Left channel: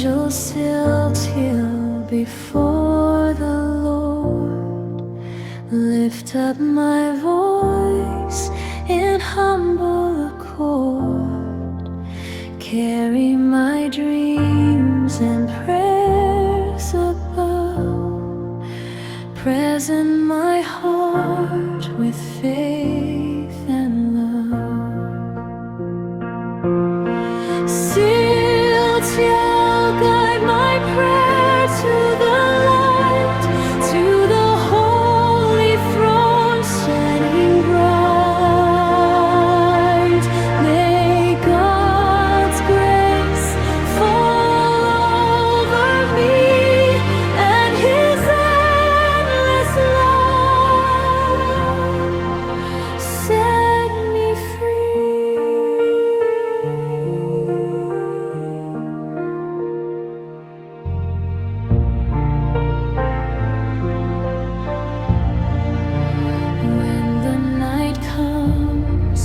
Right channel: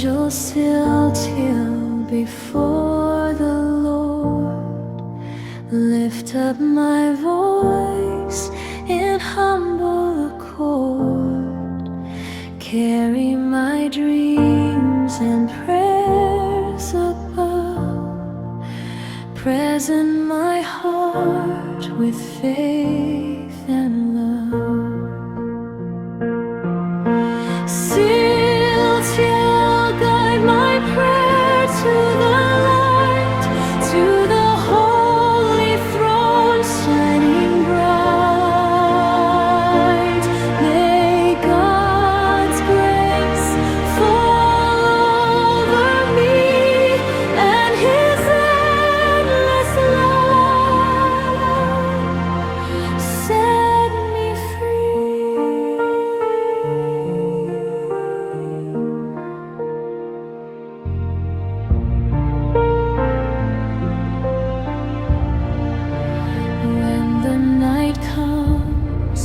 angel still till before the Lord. Lift up my voice in humble accord, carry my dreams and prayers above, present my heart with faith and love. Still till guide my prayer to the light, to the holy throne shining bright. May God's grace fall over me, and His endless love set me free. When the night comes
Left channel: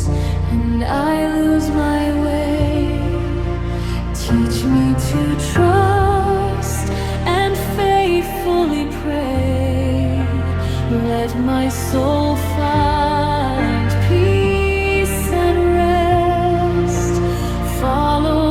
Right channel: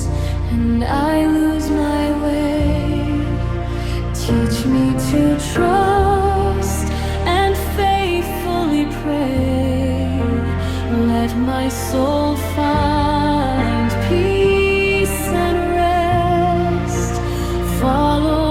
and I lose my way, teach me to trust and faithfully pray. Let my soul find peace and rest. Follow